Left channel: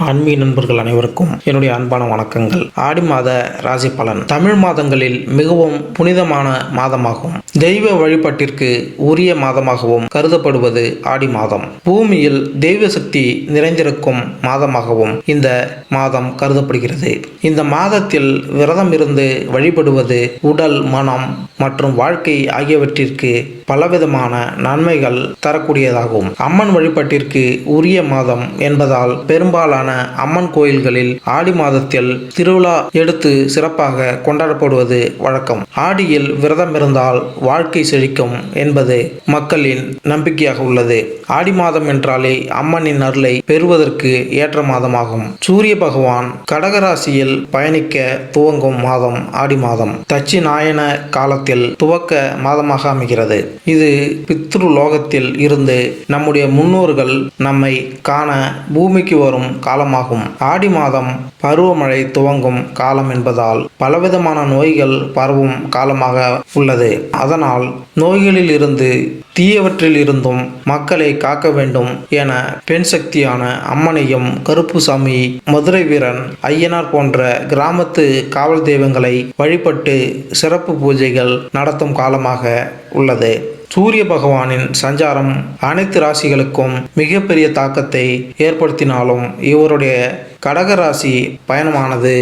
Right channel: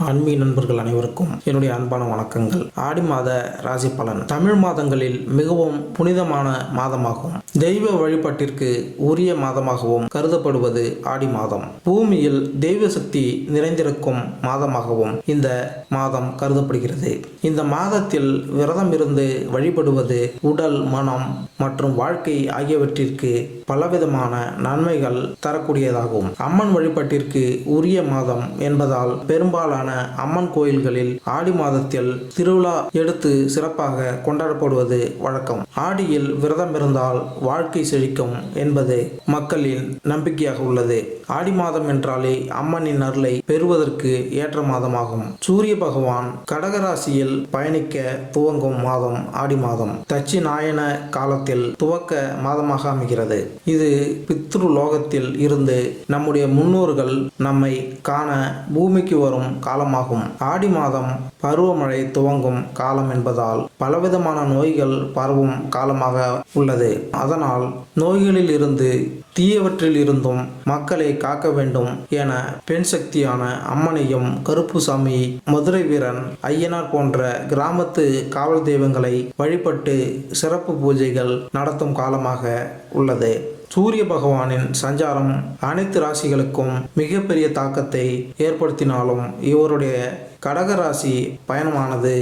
ஆன்மீக நண்பர்கள் அனைவருக்கும் என்னுடைய அன்பான வணக்கங்கள். ஆடி மாத ராசி பலன் தமிழ் மாதங்களில் மிகவும் புனிதமான மாதமாகும். தெய்வ வழிபாட்டிற்கு உரிய மாதமாகவும் கருதப்படுவது ஆடி மாதம். பூமியில் தெய்வ சக்தி நிறைந்திருக்கும் மாதமாகவும் இந்த மாதம் கருதப்படுகிறது. இந்த மாதத்தில் விரதம் இருந்து வழிபடுவது உடல், மனம் மற்றும் வாழ்க்கை ஆகியவற்றிற்கு பலவிதமான நன்மைகள் தரக்கூடியதாகும். அம்மன் வழிபாட்டிற்கு உரிய மாதம் என்பதால் பெரும்பாலான அம்மன் கோயில்களில் ஆடி மாதத்தில் திருவிழா எடுத்து சிறப்பாக கொண்டாடப்படுவது வழக்கம். ஆடியில் விரதம் இருந்தால் வாழ்க்கை செழிக்கும் என்பது மக்களின் நம்பிக்கையாக உள்ளது. ஆடி மாதம் என்றாலே அம்மனின் அருளை பெறுவதற்கு ஏற்ற மாதமாகும். சூரிய பகவான் கடகராசியில் பயணிக்க துவங்கும் மாதம் ஆடி மாதம். தட்சிணாயன காலத்தில் துவக்க மாதமாக அமைகிறது. இது பித்ரு லோகத்தில் இருந்து நம்முடைய முன்னோர்கள் நம்மை காண பூமிக்கு வரும் காலமாகும். ஆடி மாதம் பருவமழை துவங்கும் காலம் என்பதால் பலவிதமான நோய்கள் பரவும் காலமாக உள்ளது. அதனால் நோய்களில் இருந்து தீயவற்றில் இருந்தும் மக்களை காக்க வேண்டும் என பெண் சக்தியான அம்மனையும், கருப்புசாமி, மதுரை வீரன், ஐயனார் போன்ற கிராமத்து காவல் தெய்வங்களை வழிபட்டு சிறப்பு பூஜைகள் நடத்தும் காலமாக உள்ளது. சூரிய பகவானின் சஞ்சாரம் அனைத்து ராசிகளுக்கும் மிகப்பெரிய தாக்கத்தை ஏற்படுத்தினாலும் இவருடைய கடகராசி பயணமானது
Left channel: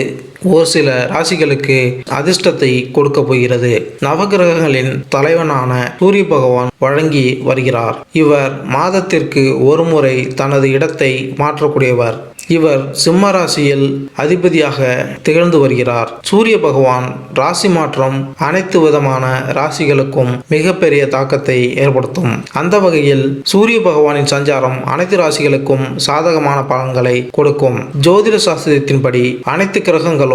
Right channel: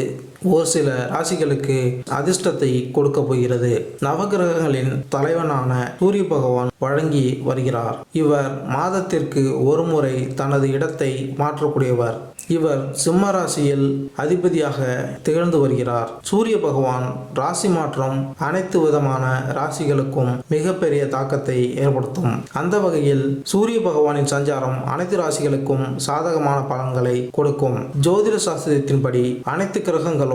ஒரு சில ராசிகளுக்கு அதிர்ஷ்டத்தை கொடுக்க போகிறது. நவகிரகங்களின் தலைவனான சூரிய பகவான் வழங்கி வருகிறார். இவர் மாதத்திற்கு ஒரு முறை தனது இடத்தை மாற்றக்கூடியவர். இவர் சிம்ம ராசியில் அதிபதியாக திகழ்ந்து வருகிறார். சூரிய பகவான் ராசி மாற்றம் அனைத்து விதமான ராசிகளுக்கும் மிகப்பெரிய தாக்கத்தை ஏற்படுத்தும். அந்த வகையில் சூரிய பகவானின் சஞ்சாரம் அனைத்து ராசிகளுக்கும் சாதகமான பலன்களை கொடுக்கும். ஜோதிட சாஸ்திரத்தின்படி அனைத்து கிரகங்களும்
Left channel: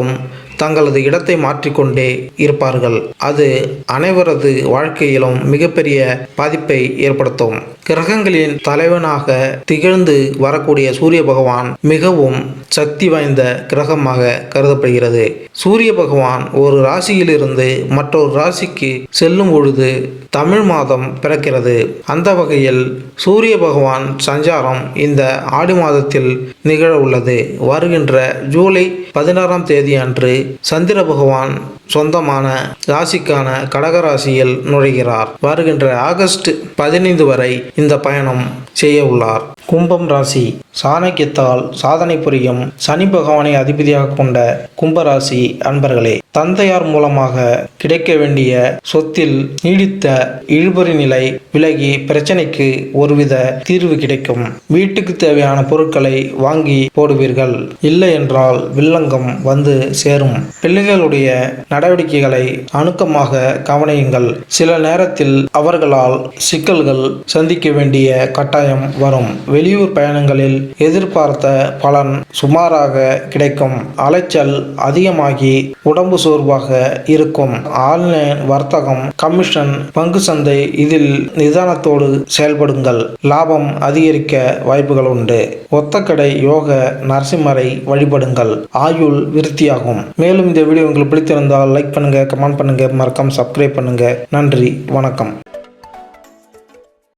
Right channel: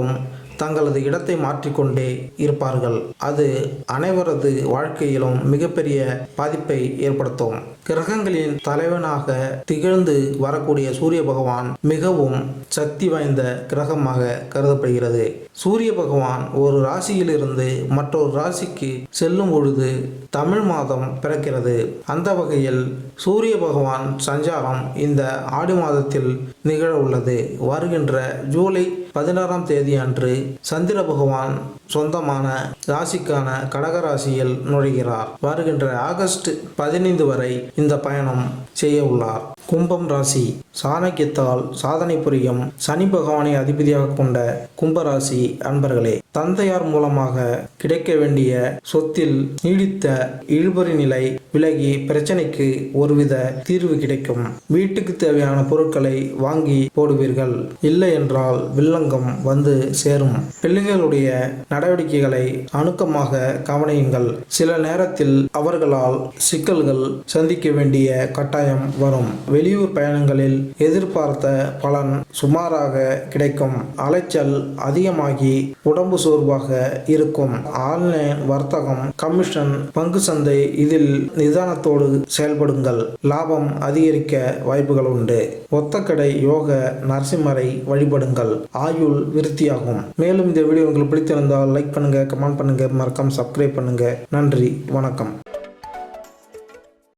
தங்களது இடத்தை மாற்றிக்கொண்டே இருப்பார்கள். அது அனைவரது வாழ்க்கையிலும் மிகப்பெரிய பாதிப்பை ஏற்படுத்தும். கிரகங்களின் தலைவனாக திகழ்ந்து வரக்கூடிய சூரிய பகவான் மிகவும் சக்தி வாய்ந்த கிரகமாக கருதப்படுகிறது. சூரிய பகவான் ஒரு ராசியிலிருந்து மற்றொரு ராசிக்கு செல்லும் பொழுது தமிழ் மாதம் பிறக்கிறது. அந்த வகையில் சூரிய பகவான் சஞ்சாரம் இந்த ஆடி மாதத்தில் நிகழ உள்ளது. வருகின்ற ஜூலை 16ஆம் தேதி அன்று சந்திர பகவான் சொந்தமான ராசிக்கான கடகராசியில் நுழைகிறார். வருகின்ற ஆகஸ்ட் 15 வரை இந்த பயணம் செய்ய உள்ளார். கும்பம் ராசி சாணக்கியத்தால் சாதனை புரியும் சனி பகவானை அதிபதியாக கொண்ட கும்பராசி அன்பர்களே, தந்தையார் மூலமாக கிடைக்க வேண்டிய சொத்தில் நீடித்த இழுபறி நிலை விலகி பிரச்சனைக்கு ஒருவித தீர்வு கிடைக்கும். வீட்டுக்கு தேவையான பொருட்களை வாங்கி போடுவீர்கள். இல்லை என்றால் வில்லங்கம் வந்து சேரும். பிள்ளைகளுடைய நடவடிக்கைகளை அணுக்கமாக கவனியுங்கள். சில நேரத்தில் அவர்களால் சிக்கல்கள் சந்திக்க வேண்டிய கட்டாயம் வரும். வெளியூர் பயணங்களில் எதிர்பார்த்த பலன் சுமாராக கிடைக்கும். அலைச்சல் அதிகமாகி உடம்பு சோர்வாக இருக்கும். ஆன்லைன் வர்த்தகம், கமிஷன், பங்கு சந்தை இதில் நிதானத்தோடு செயல்படுங்கள். லாபம் அதிகரிக்க வாய்ப்புகள் உண்டு. ஒத்தக்கடை யோக நரசிம்மரை வழிபடுங்கள். ஆயுள் விருத்தியாகும். மேலும் இந்த வீடியோ உங்களுக்கு பிடித்திருந்தால் லைக் பண்ணுங்க, கமெண்ட் பண்ணுங்க, மறக்காம சப்ஸ்கிரைப் பண்ணுங்க. நன்றி, வணக்கம்.